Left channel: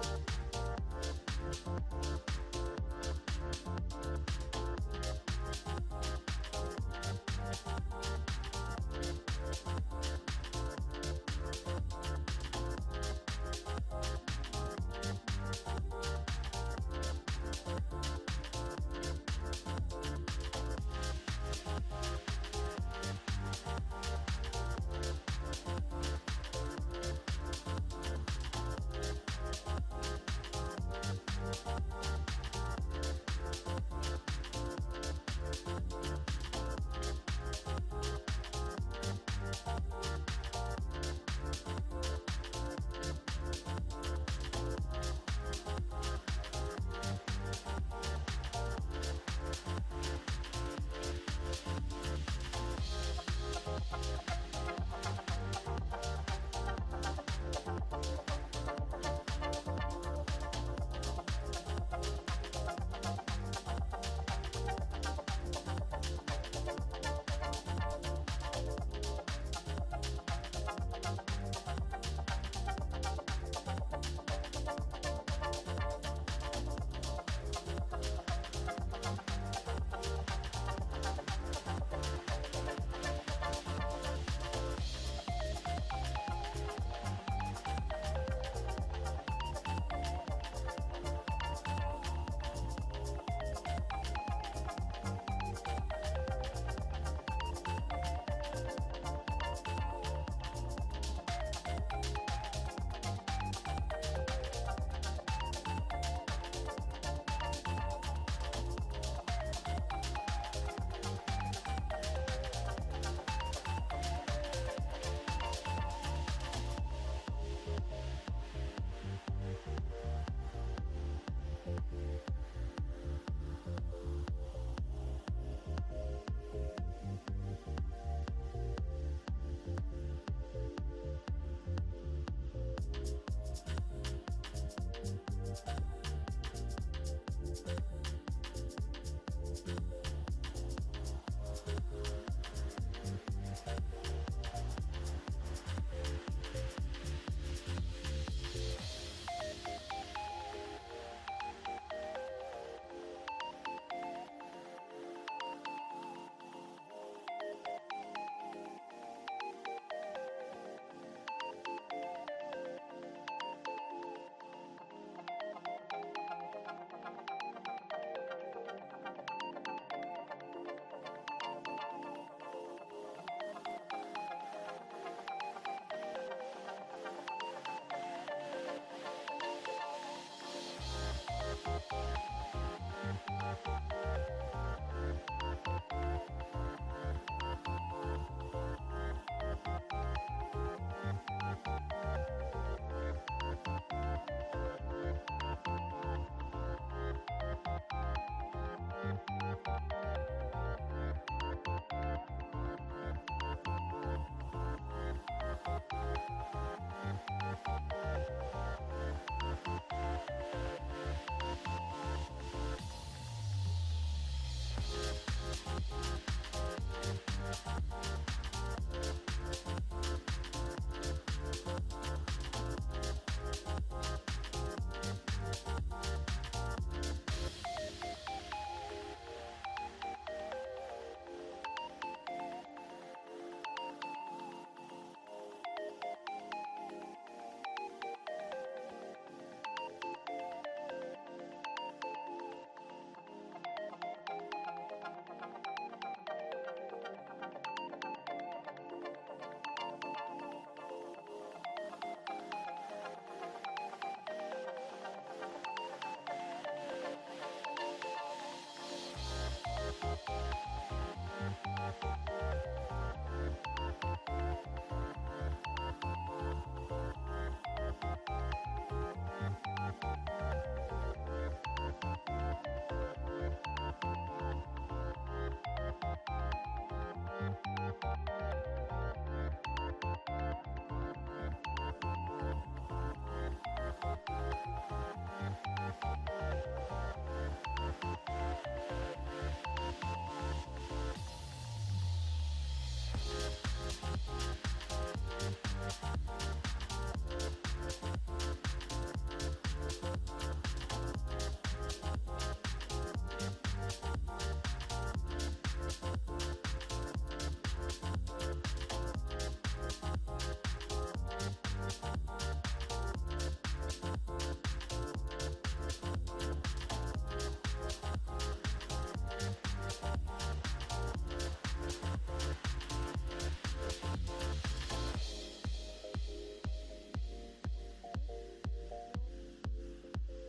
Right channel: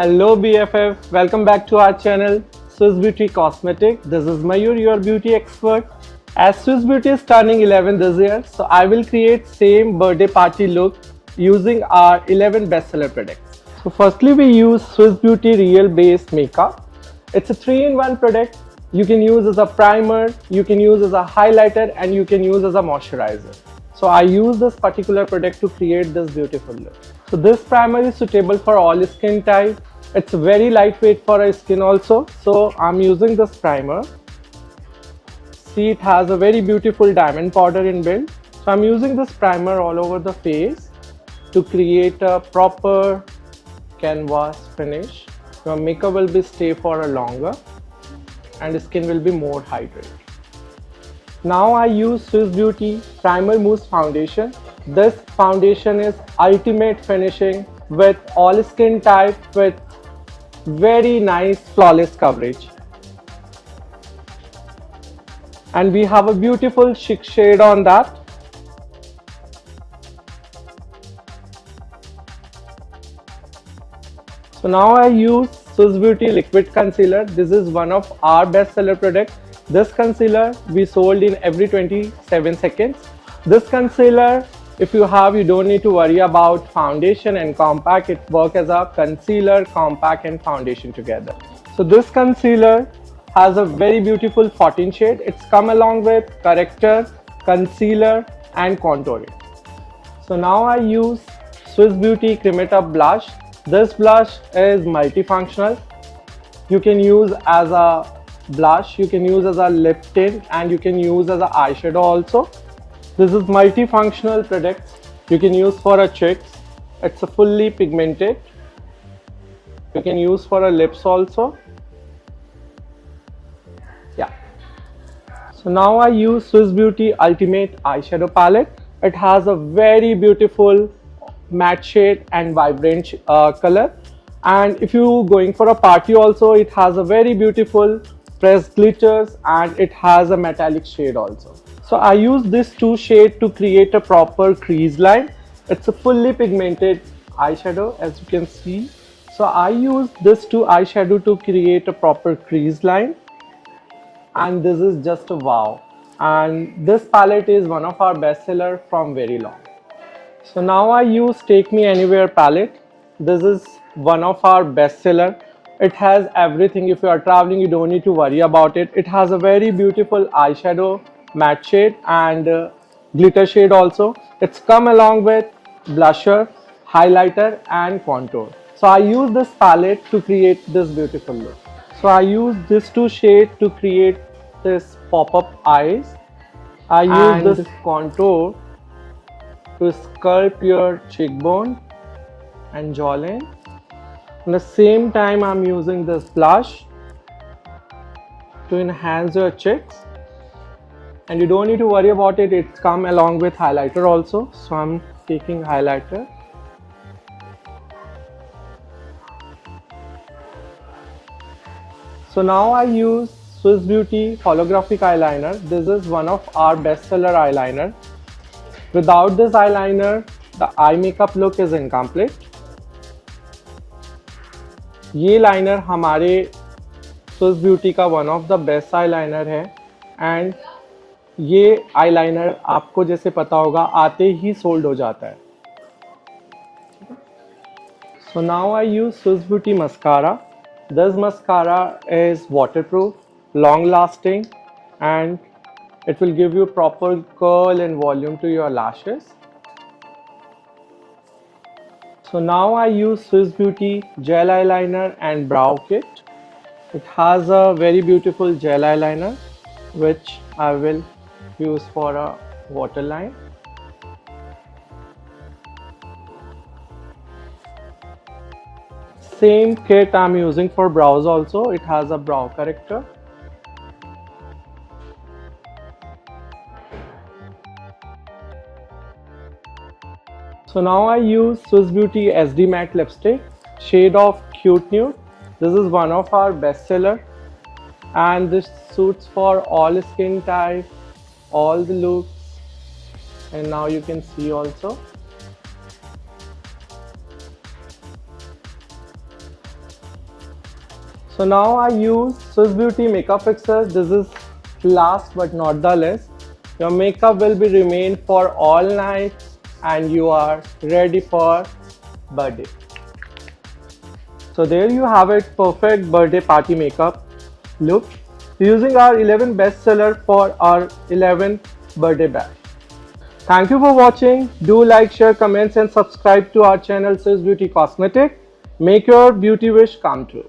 Hello BFF, welcome back to our channel Swiss Beauty Cosmetic. This is Mayur, your beauty expert. As Swiss Beauty is turning 11 this year, so I will create same birthday party look using our 11 bestseller products. So firstly we use Swiss Beauty Real Base Makeup. It's a 3-in-1 product. You can use as a primer, you can use as a highlighter, and you can use as a moisturizer. So I use this particular product to create this beautiful look. So this primer is suitable for all skin type. It's very lightweight for our skin also. So I'm using this primer. See, it has a very beautiful diamond powder inbuilt. So I'm using this primer all over the face to create a proper canvas finish. Your makeup will be stay for a longer and skin will be more hydrated. Now I use Swiss Beauty Primer Mousse Foundation. This foundation is ultimate finishing with all skin type with very nice flawless coverage. And we have a beautiful chic shade on that. So now I use Swiss Beauty Liquid Concealer. This is one of our bestseller products. This concealer we sold in every 27 seconds. This concealer, if you have, you don't need to worry about foundation and compact. It works as a concealer, compact and foundation together. So this concealer has a very beautiful 14 shade. It's come along with corrector, concealer and contouring. So now I use Swiss Beauty Create Up Blush. This blush is multifunctional. You can use as a blush, you can use as a lip tint, and you can use as an eyeshadow also. This is multifunctional product. You can use for a cheeks. It's a fully pigmented. You can use for a lips also. Yeah. So now I use Swiss Beauty Ultimate Eyeshadow Palette. It has a very beautiful matte shade and vibrant color. And if you going for a party also, it has a very beautiful pressed glitters and it has a metallic shade also. So I use this two shade to create a proper crease line. It's a fully pigmented eyeshadow as you can see. So I use this two eyeshadow to create a proper crease line. And this is just a wow. And this palette is one of our bestseller from very long. So now I use Take Me Anywhere palette. This is one of our bestseller. It has everything. If you are traveling, you don't need to worry about it. It has a very beautiful eyeshadow, matte shade and glitter shade also. It's come along with blusher, highlighter and contour. So I use this palette to create this beautiful look. So I use this two shade to create this pop-up eyes. I use this contour to sculpt your cheekbone and jawline. At the same time, I'm using this blush to enhance your cheeks. And you don't need to worry about it. It's come along with highlighter also. So I'm taking highlighter. So now I use Swiss Beauty holographic eyeliner. This is one of our bestseller eyeliner. Without this eyeliner, the eye makeup look is incomplete. ये liner हमारे Swiss beauty का one of the best eye liner है and ये eye liner आपको जैसे पता होगा आते ही सोल्ड हो जाता है. So now I use Swiss beauty mascara. This mascara is waterproof, long lasting and it will give you proper curl and volume to your lashes. So now I use Swiss Beauty gel eyeliner and brow kit. It has a very beautiful gel eyeliner which I will use for a waterline. Same kit I'm using for brows also. It has a brow corrector. So now I use Swiss Beauty SD Matte Lipstick, shade of Cute Nude. This is one of our bestseller and this suits for all skin type, all the looks. And now you can see also. So now I use Swiss Beauty makeup fixer. This is last but not the least. Your makeup will be remain for all night and you are ready for birthday. So there you have it, perfect birthday party makeup look using our 11 bestseller for our 11th birthday bash. Thank you for watching. Do like, share, comments and subscribe to our channel Swiss Beauty Cosmetic. Make your beauty wish come true.